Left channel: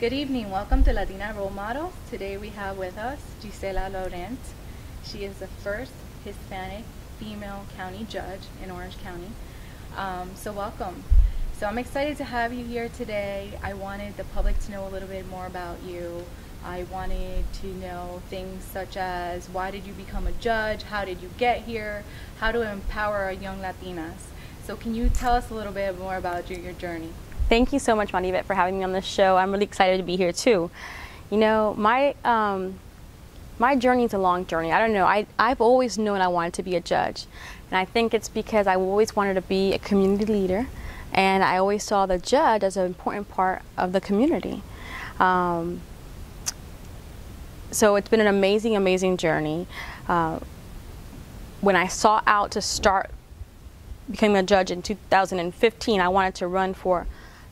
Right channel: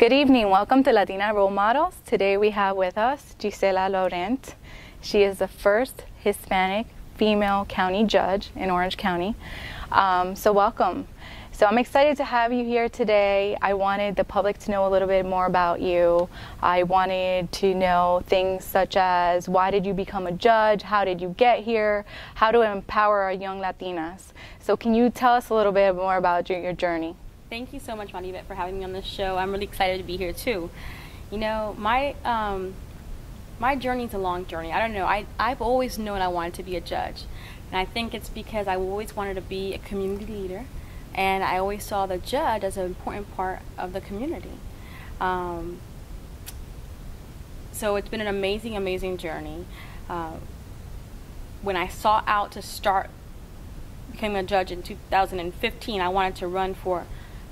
Good evening. Welcome to Latina Role Models. Today we have with us Gisela Laurent. She is the first Hispanic female county judge in Orange County. So welcome. So I'm excited to have you here today. I wanted the public to know a little bit more about you. I wanted to know things such as why did you become a judge? How did you get here? How to empower our young Latinas? So can you tell us a little bit more about your journey? Thank you so much, Marivette, for having me on this show. I'm really excited to be here too. You know, my journey is a long journey. I don't know. I've always known I wanted to be a judge, and I think it's because I always wanted to be a community leader, and I always saw the judge as an important part of the community. So it's been an amazing, amazing journey. When I sought out to start becoming a judge in 2015, I wanted to run for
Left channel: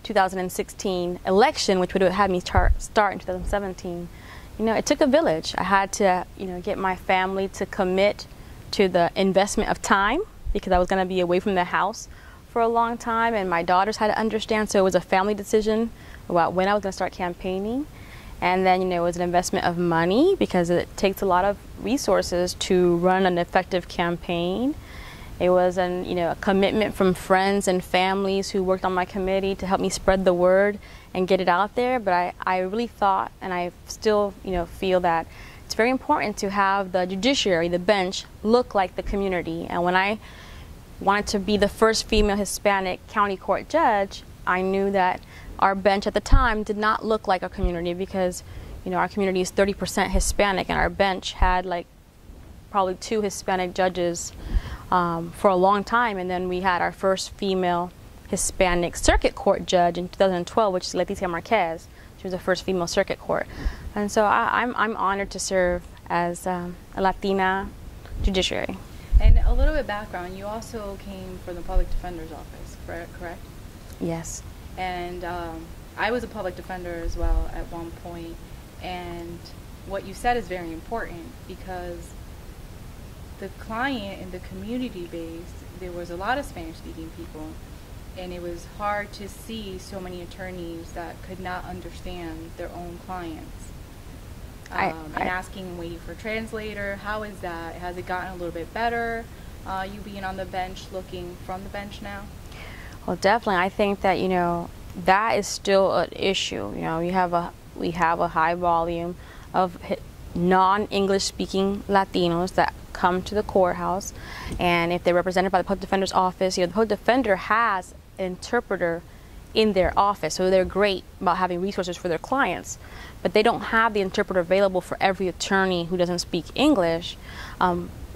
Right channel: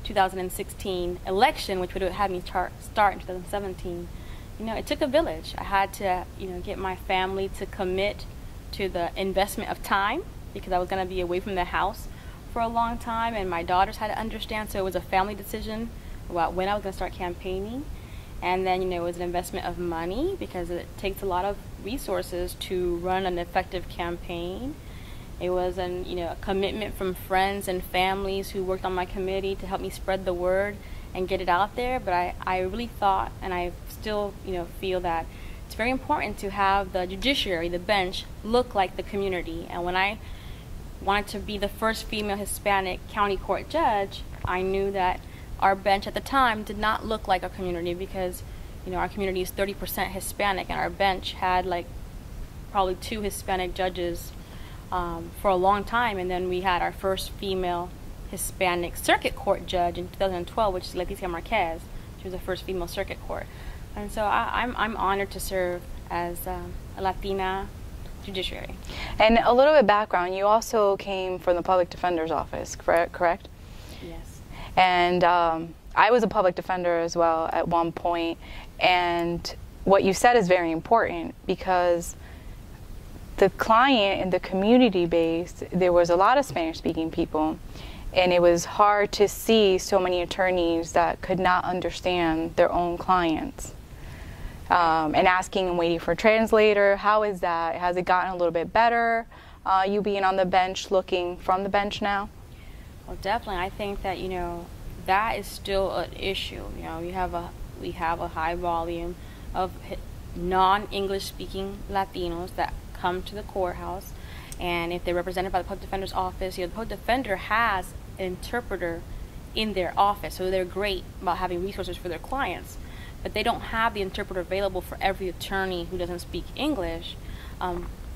2016 election, which would have had me start in 2017. You know, it took a village. I had to, get my family to commit to the investment of time, because I was going to be away from the house for a long time, and my daughters had to understand. So it was a family decision about when I was going to start campaigning. And then, it was an investment of money, because it takes a lot of resources to run an effective campaign. It was a commitment from friends and families who worked on my committee to help me spread the word and get it out there. But I really thought, and I still feel that it's very important to have the judiciary, the bench, look like the community. And when I wanted to be the first female Hispanic county court judge, I knew that our bench at the time did not look like our community, because our community is 30% Hispanic, and our bench had probably 2 Hispanic judges for a long time. And then we had our first female Hispanic circuit court judge in 2012, which is Latina Marquez. She was the first female circuit court. And so I'm honored to serve as a Latina judiciary. And a little bit of background, you also came from the public defender's office, correct? Yes. And I was a public defender as well at one point. And what you said is very important, because the client in the community base, there was a lot of Spanish-speaking people, and it was hard to see so many attorneys that could not understand their own clients. And asking and waiting for a translator. How is that? Has it gotten a little bit better, you being on the bench, looking from the bench now? Well, definitely. I think that, that is still an issue. We have a high volume of non-English speaking Latinos that come to the courthouse, and if they're represented by the public defender's office, the public defender has an interpreter in their office, so they're great about having resources for their clients, but they don't have the interpreter available for every attorney who doesn't speak English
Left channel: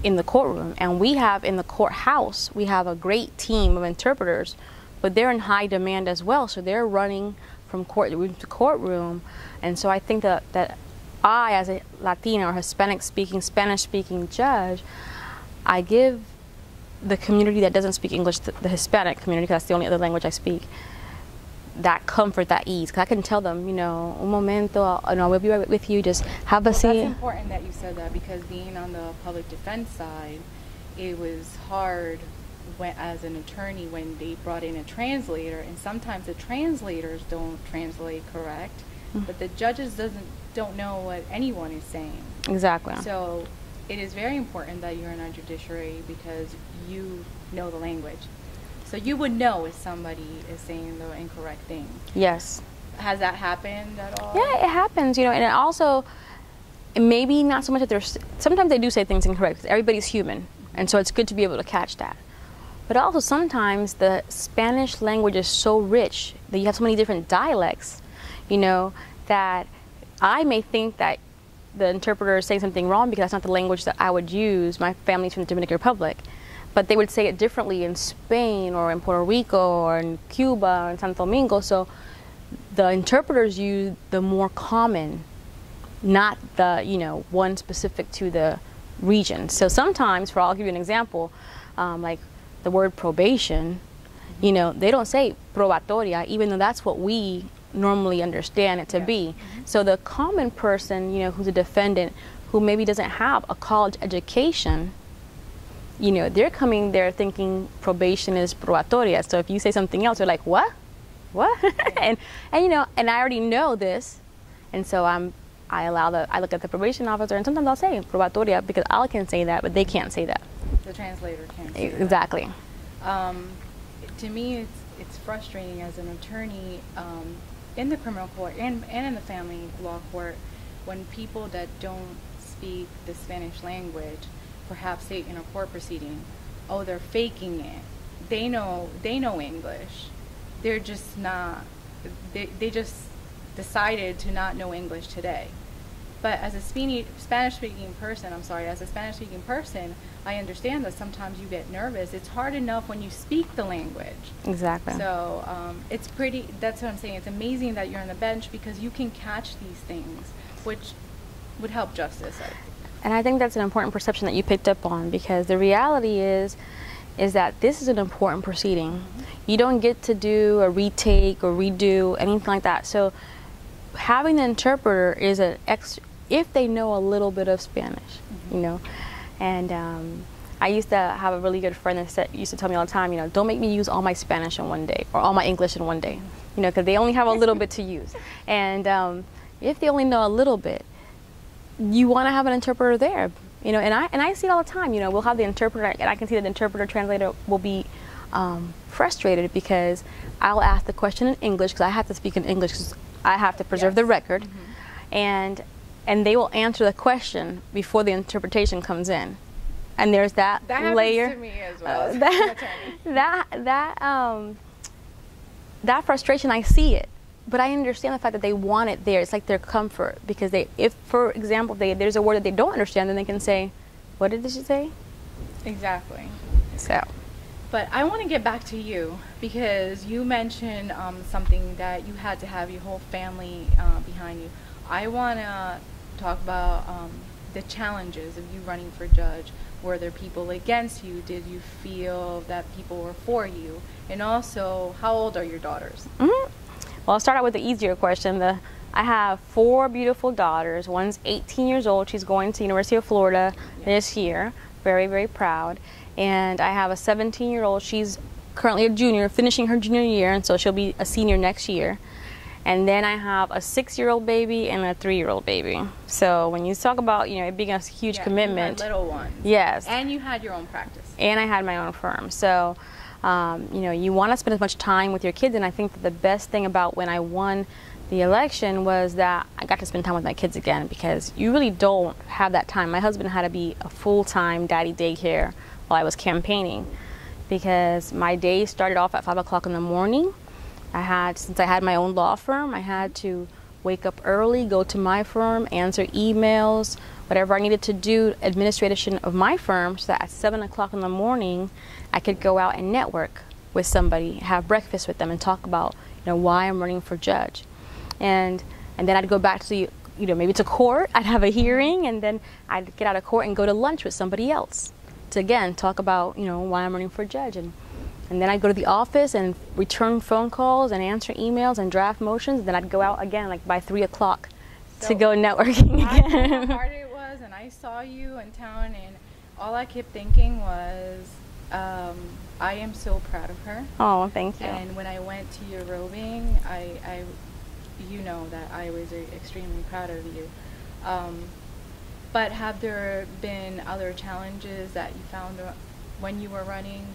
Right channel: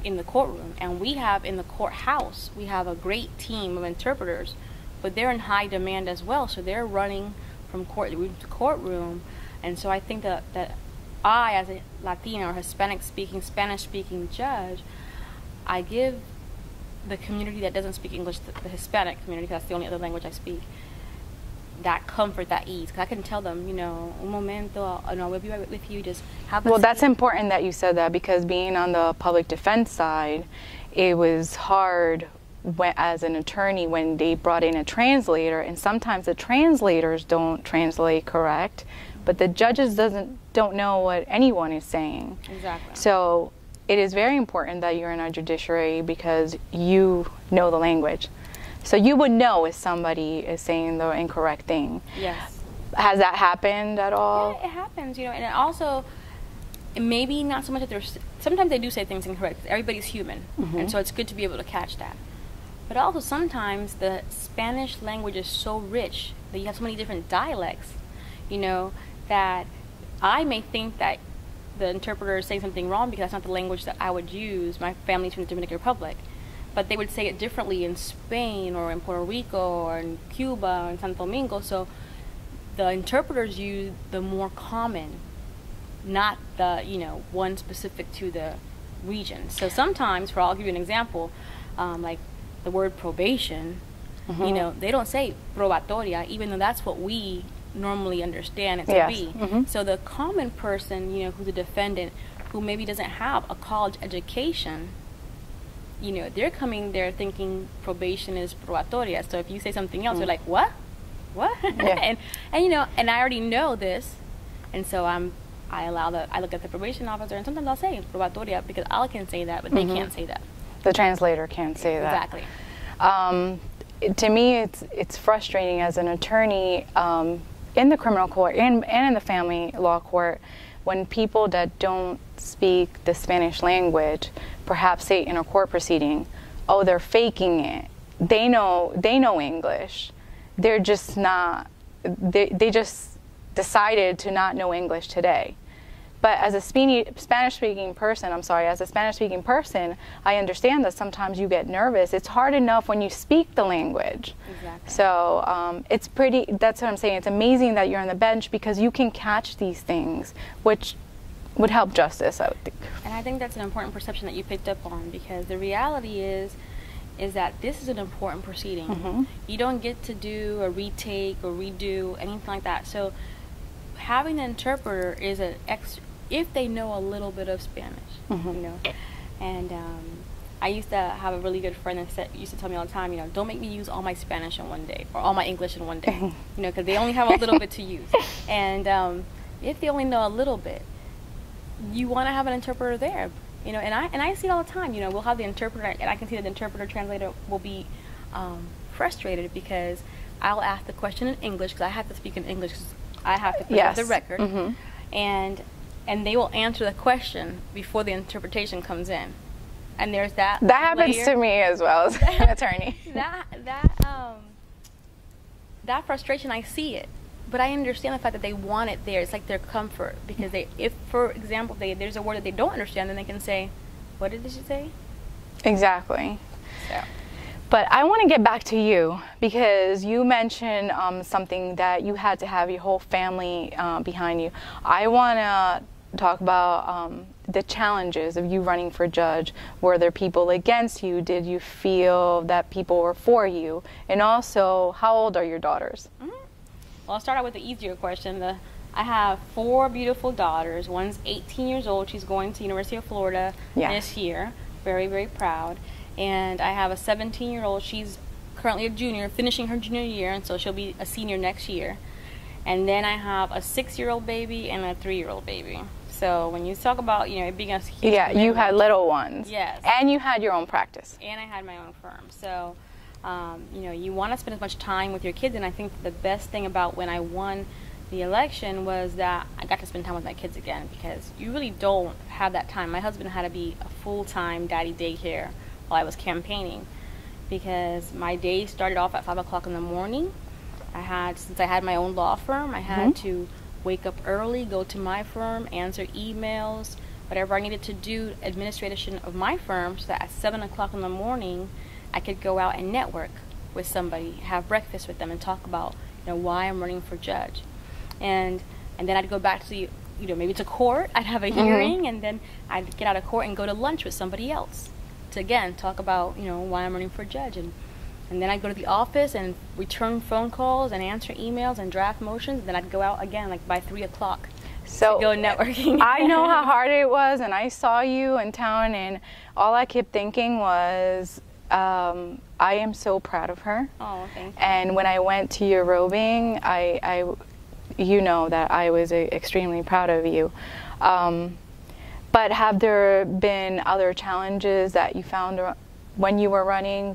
in the courtroom. And we have in the courthouse, we have a great team of interpreters, but they're in high demand as well, so they're running from courtroom to courtroom. And so I think that I, as a Latina or Hispanic-speaking, Spanish-speaking judge, I give the community that doesn't speak English, the Hispanic community, because that's the only other language I speak, that comfort, that ease. Because I can tell them, un momento, I will be right with you, just have a seat. Well, that's important that you said that, because being on the public defense side, it was hard as an attorney when they brought in a translator, and sometimes the translators don't translate correct, but the judges don't know what anyone is saying. Exactly. So it is very important that you're in our judiciary, because you know the language. So you would know if somebody is saying the incorrect thing. Yes. Has that happened at all? Yeah, it happens, and it also, maybe not so much that there's, sometimes they do say things incorrect, because everybody's human, and so it's good to be able to catch that. But also sometimes the Spanish language is so rich that you have so many different dialects, that I may think that the interpreter is saying something wrong because that's not the language that I would use. My family's from the Dominican Republic, but they would say it differently in Spain or in Puerto Rico or in Cuba or in Santo Domingo. So the interpreters use the more common, not the, one specific to the region. So sometimes, I'll give you an example, like the word probation, they don't say probatoria, even though that's what we normally understand it to be. So the common person, who's a defendant, who maybe doesn't have a college education, they're coming there thinking probation is probatoria. So if you say something else, they're like, what? Yeah. and I already know this And so I look at the probation officer, and sometimes I'll say probatoria because I can say that, but they can't say that. The translator can't say that. Exactly. To me, it's frustrating as an attorney in the criminal court and in the family law court when people that don't speak the Spanish language perhaps say in a court proceeding, oh, they're faking it. They know English. They're just not, they just decided to not know English today. But as a Spanish-speaking person, I understand that sometimes you get nervous. It's hard enough when you speak the language. Exactly. So that's what I'm saying. It's amazing that you're on the bench because you can catch these things, which would help justice, I would think. And I think that's an important perception that you picked up on, because the reality is that this is an important proceeding. You don't get to do a retake or redo, anything like that. So having an interpreter is if they know a little bit of Spanish, you know. And I used to have a really good friend that used to tell me all the time, you know, don't make me use all my Spanish in one day or all my English in one day, you know, because they only have a little bit to use. And if they only know a little bit, you want to have an interpreter there, you know. And I see it all the time, you know. We'll have the interpreter, and I can see that the interpreter translator will be frustrated because I'll ask the question in English because I have to speak in English because I have to preserve the record, and they will answer the question before the interpretation comes in, and there's that happens to me as well as an attorney. That frustration, I see it, but I understand the fact that they want it there. It's like their comfort, because if for example there's a word that they don't understand, then they can say, "What did she say?" Exactly. So. But I want to get back to you because you mentioned something that you had to have your whole family behind you. I want to talk about the challenges of you running for judge. Were there people against you? Did you feel that people were for you? And also, how old are your daughters? Well, I'll start out with the easier question. I have 4 beautiful daughters. One's 18 years old. She's going to University of Florida this year. Very, very proud. And I have a 17-year-old. She's currently a junior, finishing her junior year, and so she'll be a senior next year. And then I have a 6-year-old baby and a 3-year-old baby. So when you talk about, you know, it being a huge commitment. You had little ones. Yes. And you had your own practice. And I had my own firm. So, you know, you want to spend as much time with your kids. And I think that the best thing about when I won the election was that I got to spend time with my kids again, because you really don't have that time. My husband had to be a full-time daddy daycare while I was campaigning, because my day started off at 5 o'clock in the morning. Since I had my own law firm, I had to wake up early, go to my firm, answer emails, whatever I needed to do, administration of my firm, so that at 7 o'clock in the morning, I could go out and network with somebody, have breakfast with them, and talk about, you know, why I'm running for judge. And then I'd go back to, you know, maybe to court. I'd have a hearing, and then I'd get out of court and go to lunch with somebody else to, again, talk about, you know, why I'm running for judge. And then I'd go to the office and return phone calls and answer emails and draft motions. And then I'd go out again, like by 3 o'clock, to go networking. I know how hard it was, and I saw you in town, and all I kept thinking was, I am so proud of her. Oh, thank you. And when I went to your robing, you know that I was extremely proud of you. But have there been other challenges that you found when you were running?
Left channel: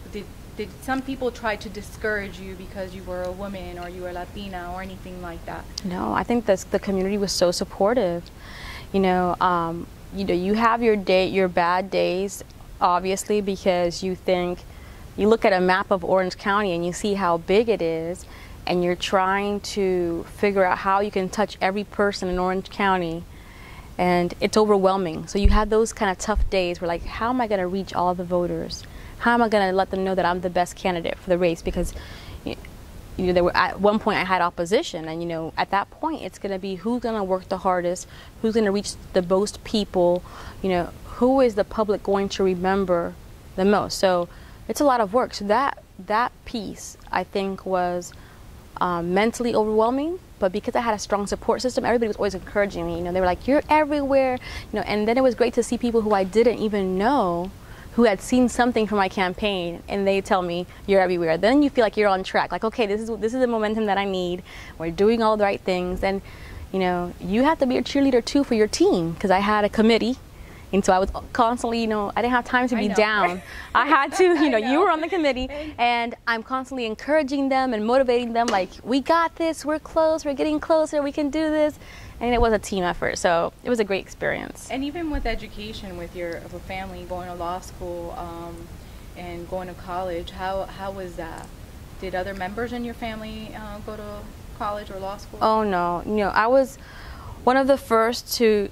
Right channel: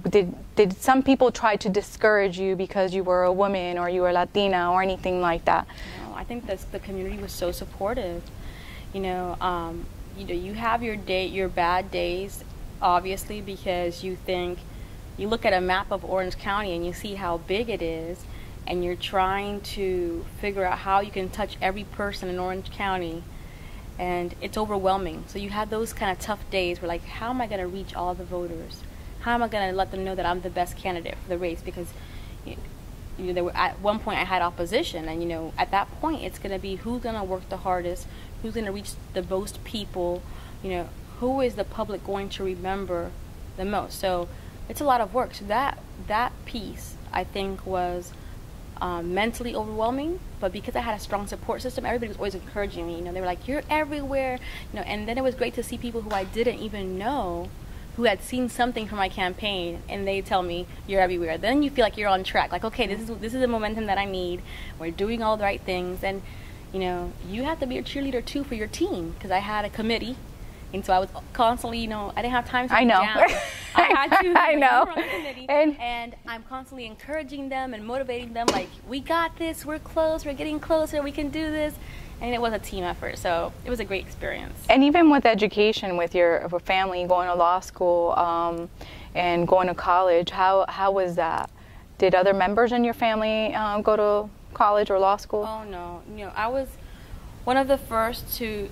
Did some people try to discourage you because you were a woman or you were Latina or anything like that? No, I think the community was so supportive. You know, you have your bad days, obviously, because you look at a map of Orange County and you see how big it is, and you're trying to figure out how you can touch every person in Orange County, and it's overwhelming. So you have those kind of tough days where, like, how am I going to reach all the voters? How am I going to let them know that I'm the best candidate for the race? Because, you know, at one point I had opposition, and, you know, at that point it's going to be who's going to work the hardest, who's going to reach the most people, you know, who is the public going to remember the most. So it's a lot of work. So that piece, I think, was mentally overwhelming, but because I had a strong support system, everybody was always encouraging me. You know, they were like, "You're everywhere," you know. And then it was great to see people who I didn't even know, who had seen something from my campaign, and they tell me, "You're everywhere." Then you feel like you're on track. Like, okay, this is the momentum that I need. We're doing all the right things, and you know, you have to be a cheerleader too for your team, because I had a committee. And so I was constantly, you know, I didn't have time to be down. I had to, you know, you were on the committee, and I'm constantly encouraging them and motivating them, like, we got this, we're close, we're getting closer, we can do this. And it was a team effort, so it was a great experience. And even with education, with your family, going to law school and going to college, how was that? Did other members in your family go to college or law school? Oh, no. You know, I was one of the first to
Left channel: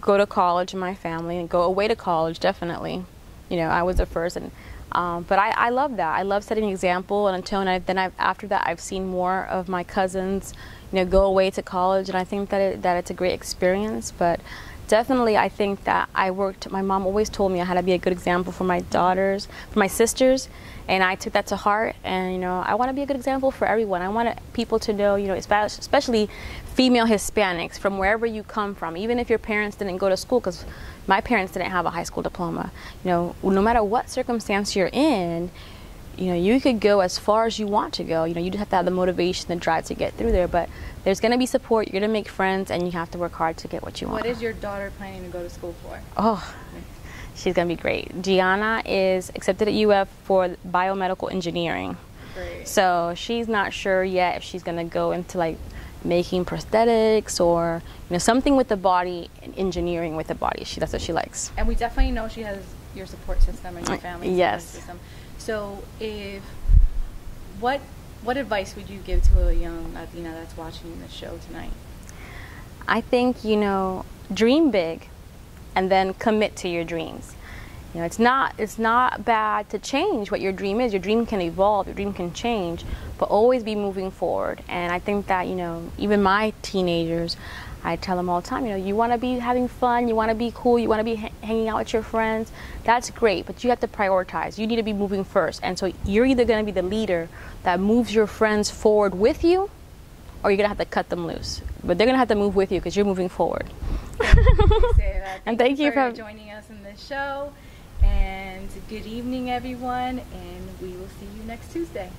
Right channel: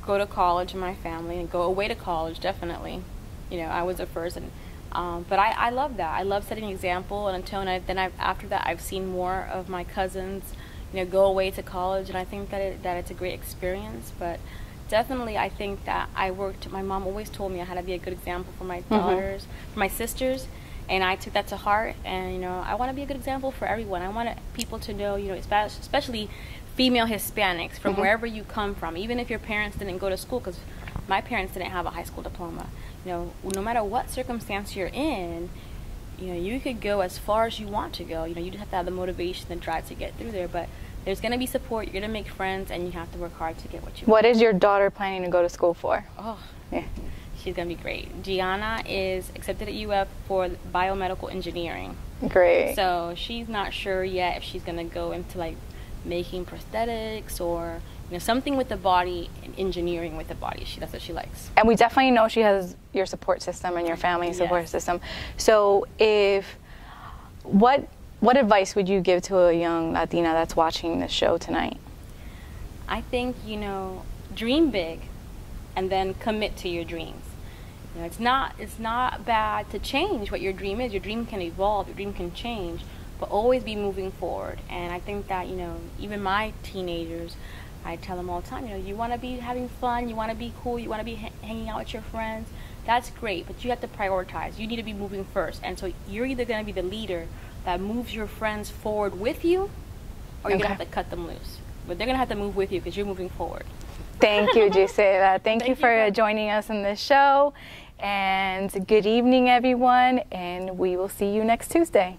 go to college in my family and go away to college, definitely. You know, I was the first, and but I love that. I love setting an example, and after that, I've seen more of my cousins, you know, go away to college, and I think that it's a great experience. But definitely, I think that my mom always told me I had to be a good example for my daughters, for my sisters, and I took that to heart. And, you know, I want to be a good example for everyone. I want people to know, you know, especially female Hispanics, from wherever you come from, even if your parents didn't go to school, because my parents didn't have a high school diploma. You know, no matter what circumstance you're in, you know, you could go as far as you want to go. You know, you just have to have the motivation, the drive to get through there. But there's going to be support. You're going to make friends, and you have to work hard to get what you want. What is your daughter planning to go to school for? Oh, yeah. She's going to be great. Gianna is accepted at UF for biomedical engineering. Great. So she's not sure yet if she's going to go into, like, making prosthetics or, you know, something with the body, engineering with the body. That's what she likes. And we definitely know she has your support system and your family support system. So what advice would you give to a young Latina that's watching this show tonight? I think, you know, dream big and then commit to your dreams. You know, it's not bad to change what your dream is. Your dream can evolve, your dream can change, but always be moving forward. And I think that, you know, even my teenagers, I tell them all the time, you know, you want to be having fun, you want to be cool, you want to be hanging out with your friends. That's great, but you have to prioritize. You need to be moving first. And so you're either going to be the leader that moves your friends forward with you, or you're going to have to cut them loose. But they're going to have to move with you because you're moving forward. Thank you, Gisela. Thank you for joining us in this show. And good evening, everyone, and we will see you next Tuesday.